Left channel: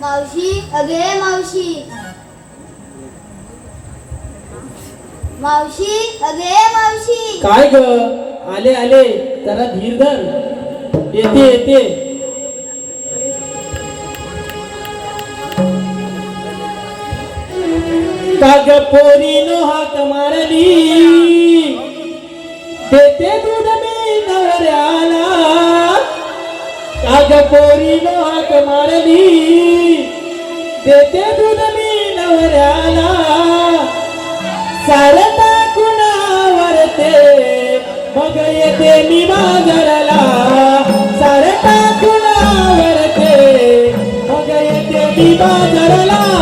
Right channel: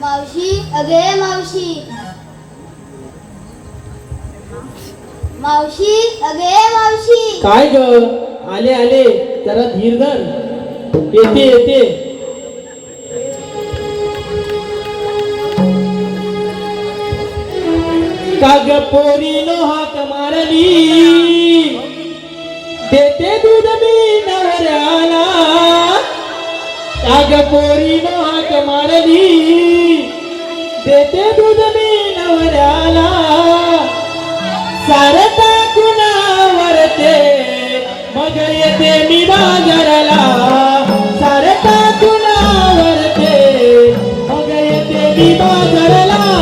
मावशी, अगे मावशी. मावशी, अगे मावशी. काय ग? आले आले. जरा धीर धर. येते येते. पोरी नोहा कमारली पोरी हाक मारली देते दूध मी नवऱ्याला. सार टाकूनवरते मग येते मी बाजारला. सार टाकूनवरते मग येते मी बाजारला.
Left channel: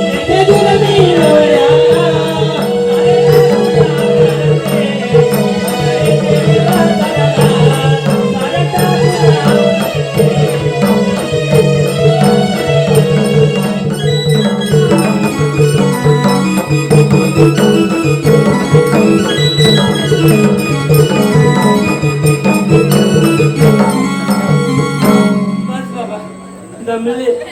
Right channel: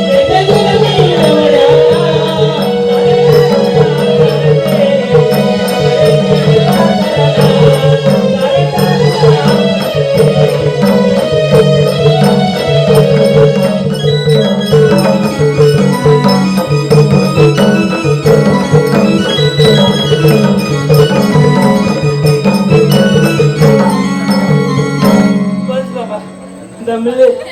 No.